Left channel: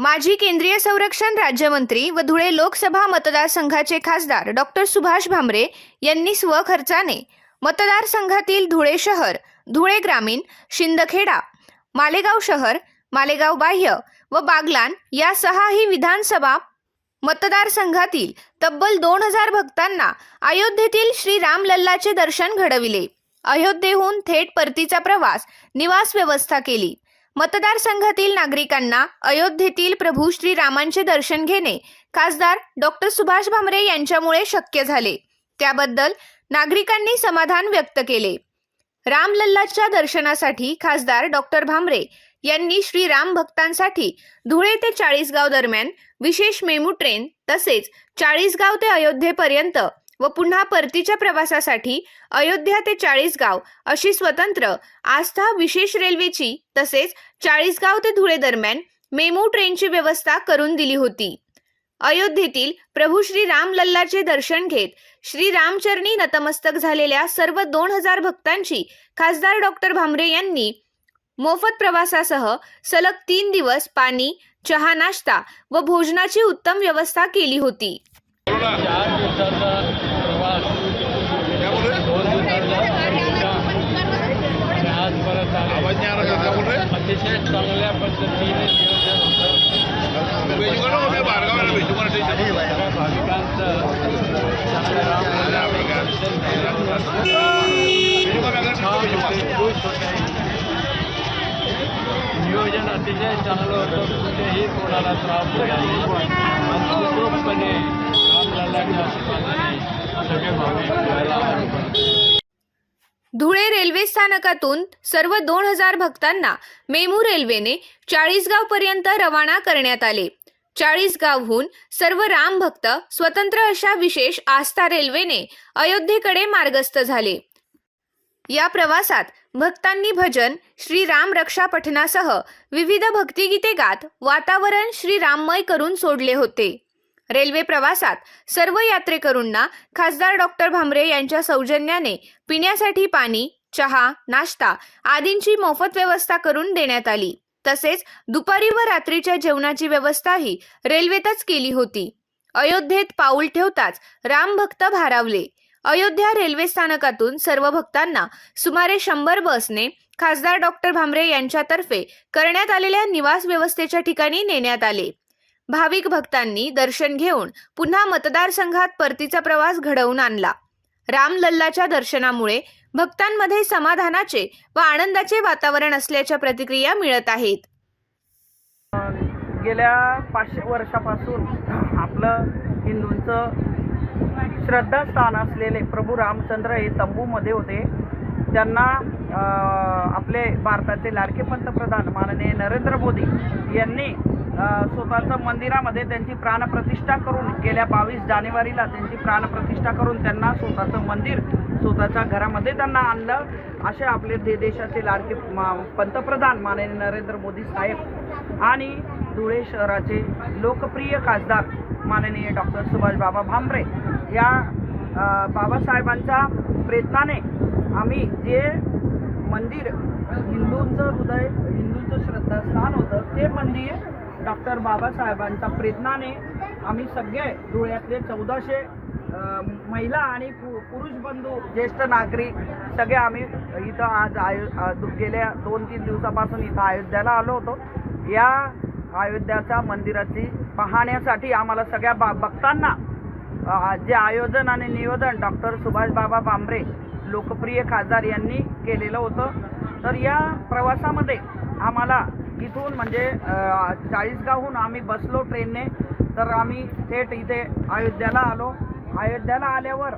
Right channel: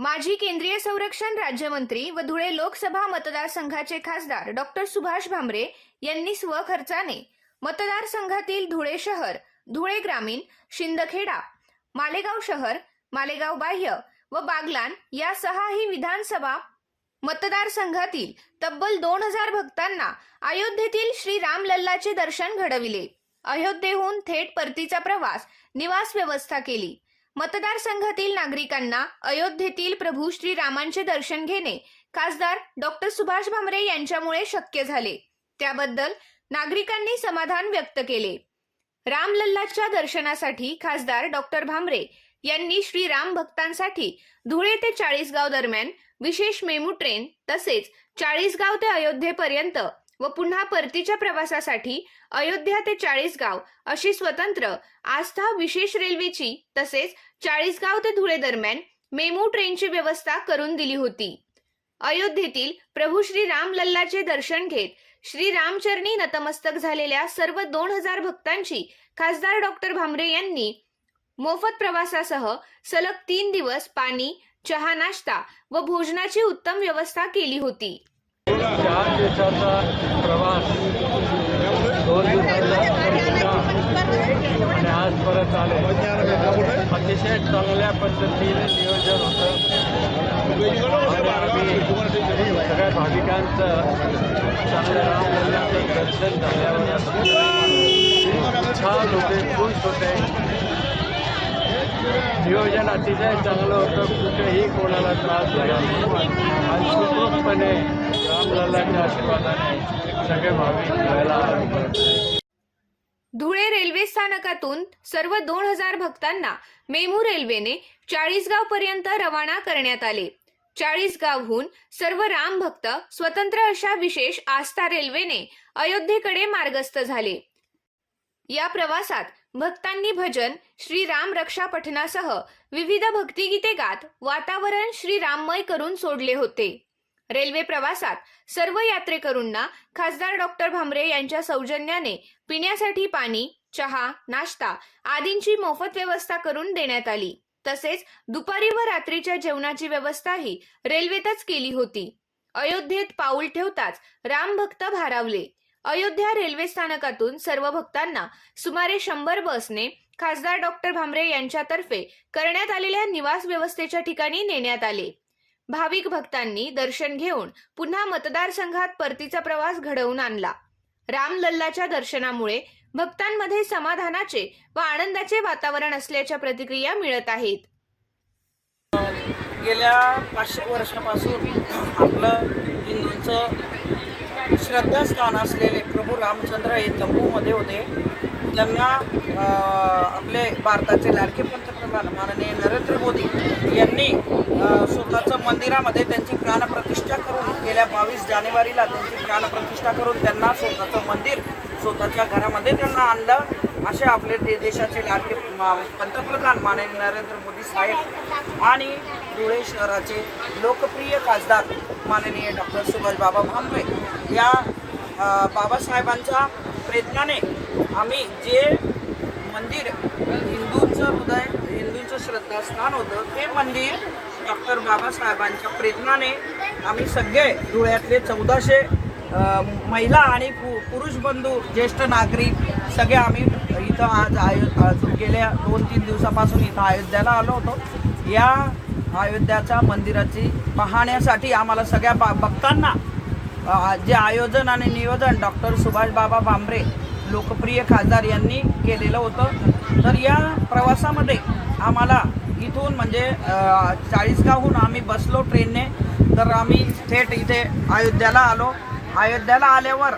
माजी केंद्रीय संरक्षण राज्यमंत्री व धुळे लोकसभा मतदारसंघाचे खासदार डॉक्टर सुभाष भामरे यांनी स्वखर्चाने मतदारसंघातील धुळे शहर धुळे ग्रामीण शिंदखेडा मालेगाव शहर मालेगाव बाह्य व बागलान या सहाही विधानसभा मतदारसंघातील तब्बल दोन हजार भक्तांना अयोध्येतील श्री रामलल्लाचे दर्शन घडविले. अयोध्येहून थेट परतीचा प्रवास निवास व्यवस्था केली. मतदारसंघातील नागरिकांना अयोध्येतील प्रभू श्री रामांचे दर्शन घेणे खासदार डॉक्टर सुभाष भामरे यांच्यामुळे शक्य झाले. त्याबद्दल नागरिकांनी समाधान व्यक्त केले. रामलल्लाच्या दर्शनासाठी खासदार डॉक्टर भामरे यांनी श्रीराम भक्तांसाठी धुळे ते चाळीसगाव दरम्यान विशेष मेमू ट्रेन तसेच चाळीसगाव ते अयोध्येपर्यंत व पुन्हा परतीच्या प्रवासासाठी अयोध्या ते चाळीसगाव अशी स्वतंत्र आस्था विशेष रेल्वेची तसेच चाळीसगाव ते धुळे दरम्यान मेमू ट्रेनची व्यवस्था करून दिली होती. अयोध्येतील प्रभू श्री राम लल्लाचे दर्शन घेत श्री रामचरणी नतमस्तक झालेल्या सर्व दोन हजार भक्तांची खासदार डॉक्टर भामरे यांनी मोफत प्रवासासह सलग तीन दिवस पाणी चहा नाश्ता व भोजनाची उत्तम व्यवस्था केली होती. चार दिवसाचा प्रवास. दोन दिवसाचा. आज परत आलो. अतिशय चांगल्या पद्धतीने नियोजन होतं. सगळ्या भाविकांचं चांगलं रामलल्ला दर्शन झाल्यावर छान होते खुश होते. नियोजन अतिशय चांगलं होतं. कुठेही कोणाला त्रास झाला नाही. आणि सुखरूपपणे सगळे भाविक धुळे रेल्वे स्थानकातून सर्व दोन हजार भक्तांना मेमू रेल्वेने चाळीसगाव पर्यंत रवाना करण्यात आले. चाळीसगावहून सर्व राम भक्त स्वतंत्र अशा विशेष आस्था रेल्वेने अयोध्येकडे मार्गस्थ झाले. या प्रवासात भक्तांनी भजन श्री राम रक्षा पठणासह विविध भक्तिगीते गात वातावरण श्री राममय करून सोडले होते. रेल्वे प्रवासात सर्व यात्रेकरूंना खासदार डॉक्टर भामरे यांच्या सौजन्याने पिण्यासाठी पाणी चहा नाश्ता आदींची मोफत व्यवस्था करून देण्यात आली. तसेच दुपारी व रात्रीच्या जेवणाची व्यवस्थाही रेल्वेतच केली होती. अयोध्येत पाऊल ठेवताच राम भक्त भारावले. अयोध्या रेल्वे स्थानकातून सर्व भक्तांना सुमारे शंभर बसने खासदार डॉक्टर भामरे यांच्यातर्फे करण्यात आलेल्या निवास व्यवस्थेच्या ठिकाणी नेण्यात आले. भाविक भक्तांनी दर्शन घेऊन पुन्हा मतदारसंघात परतीचा प्रवास घडवून आणला. रामलल्लाच्या दर्शनामुळे भक्तांमध्ये समाधानाचे व आनंदाचे वातावरण असल्याच्या प्रतिक्रिया मिळत आहेत. गेल्या पाचशे वर्षापासून आपलं हिंदूंचं श्रद्धास्थान असलेले प्रभू रामचंद्र हे तंबूमध्ये होते. त्यांना आपले भारताचे लाडके पंतप्रधान माननीय नरेंद्र मोदी यांनी स्वतःचं मंदिरामध्ये त्यांची प्राणप्रतिष्ठा करून गेल्या बावीस जानेवारीला त्यांची प्राणप्रतिष्ठा करून त्यांना स्वतःचं मंदिर स्वतःच्या घरामध्ये त्यांना आणलं. असे आपले दे देशाचे लाडके मा- पंतप्रधान माननीय नरेंद्र मोदी साहेब आणि धुळे शहराचे लोकप्रिय खासदार माननीय डॉक्टर सुभाषबाबा भांबरे भामरे या बाबासाहेबांच्या प्रयत्नाने आम्ही जे मंदिर हिंदूंचं हृदय हिंदूंचं श्रद्धास्थान होतं ते मंदिर डॉक्टर बाबासाहेबांच्या प्रेरणाने आम्ही सगळे धुळ्यातले चौदाशे महिला आणि पु पुरुष बंधू ज्येष्ठ नागरिक सगळे आम्ही इथं आज आयो गेल्या दोन तीन दिवसापासून इथं अयोध्याला आलो होतो. या अयोध्याच्या मंदिराची पाहण्यासाठी आम्हाला सगळ्या बा भक्तांना जे आयोजन आणि नियोजन डॉक्टर सुभाष बाबा बांबरे लोकप्रिय खासदार यांनी केलेलं होतं. तर या प्रवासामध्ये आम्हाला इथून म्हणजे चाळीसगावहून आम्ही बसलो ट्रेनने. तर आम्ही थेट इथे अयोध्याला आलो. अयोध्याला आल्यावर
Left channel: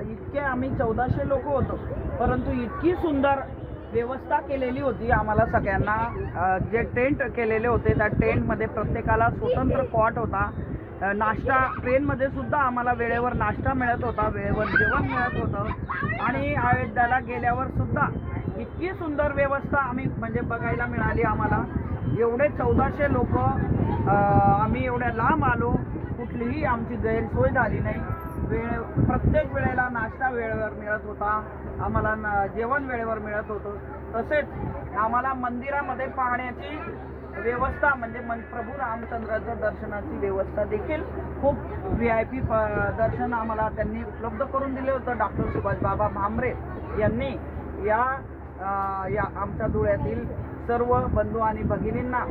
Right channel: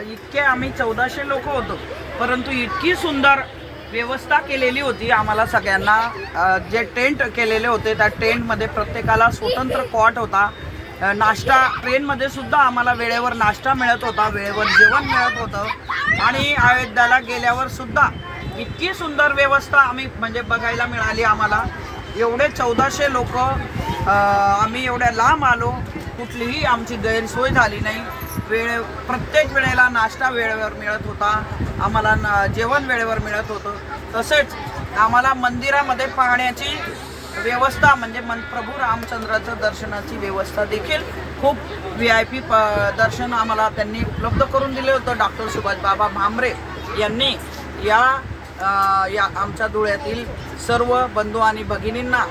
इतके आम्ही चौदाशे लोक होतो. परंतु इतकी सुंदर व्यवस्था केलेली होती आम्हाला सगळ्यांना. जे टेंट केलेले होते त्या टेंटमध्ये प्रत्येकाला स्वतंत्र कॉट होता. नाश्ता ट्रेनमध्ये सुद्धा आम्हाला वेळेवर नाश्ता मिळत होता वेळेवर जेवण मिळत होतं. आणि अयोध्याला गेल्यावर सुद्धा इतकी सुंदर व्यवस्था आम्ही म्हणजे बघायला मिळाली आम्हाला. एवढे चौदाशे लोक आम्ही एवढ्या लांब आलो कुठलीही आमची गैरसोय झाली नाही. वेळे प्रत्येक वेळेला नाश्ता वेळेवर मिळत होता. आम्हाला न जेवण वेळेवर मिळत होतं. तसेच आम्हाला मंदिरामध्ये पाहण्याची व्यवस्था म्हणजे मन प्रभू रामचंद्राचं दर्शनाची व्यवस्था देखील खूप व्ही आय पी प दर्शन आम्हाला त्यांनी उपलब्ध करून दिले होतं. डॉक्टर सुभाष बाबा भामरे यांनी या या आमच्या धुळ्यातील सर्व बंधू आणि भगिनींना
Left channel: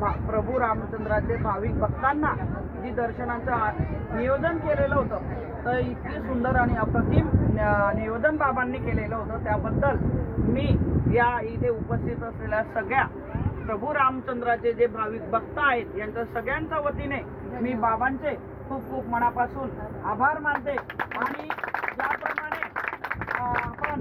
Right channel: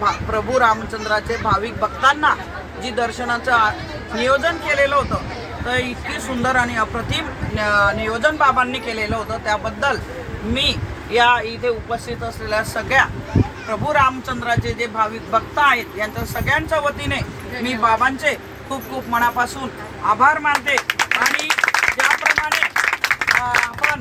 भा प्रभू रामचंद्राचे भाविक भक्तांना जी दर्शनाचं नियोजन केलेलं होतं तर इतकी सुंदर आणि अप्रतिम न- नियोजन बाबांनी केलेलं होतं. त्याबद्दल मी या इथे उपस्थित असलेल्या सगळ्या प्रभू रामचंद्राचे जे भाविक भक्त आहेत यांच्या सगळ्यांच्या वतीने मी बाबांचे खूप खूप मनापासून आभार मानते. आणि ज्याप्रमाणे आपण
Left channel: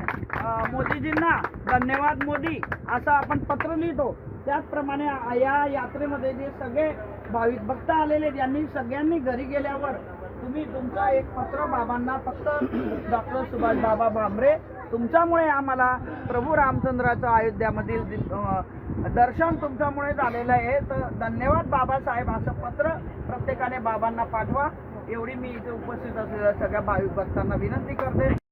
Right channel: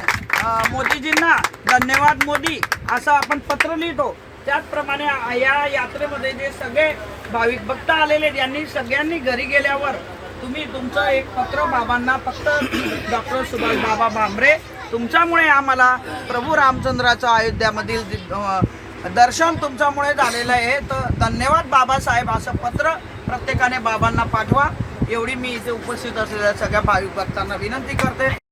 मोदीजींना धन्यवाद मोदी असं आपण पत्र लिहितो त्याचप्रमाणे या यात्रेमध्ये जे सगळे भाविक भक्त आलेले आहेत, यांनी सगळ्यांनी घरी गेल्यावर तुम्ही तुमचं एक पत्र बाबांना फक्त डॉक्टर सुभाष बाबा भामरे तुमच्यामुळे आम्हाला प्रभू रामचंद्राचं अयोध्यामधील दर्शन तुमच्यामुळे झालेलं आहे. तर धन्यवाद बाबासाहेब. असं पत्र प्रत्येकाने बाबांना पाठवा. एवढी मी इथे उपस्थित असलेल्या सगळ्या भाविक भक्तांना विनंती करते.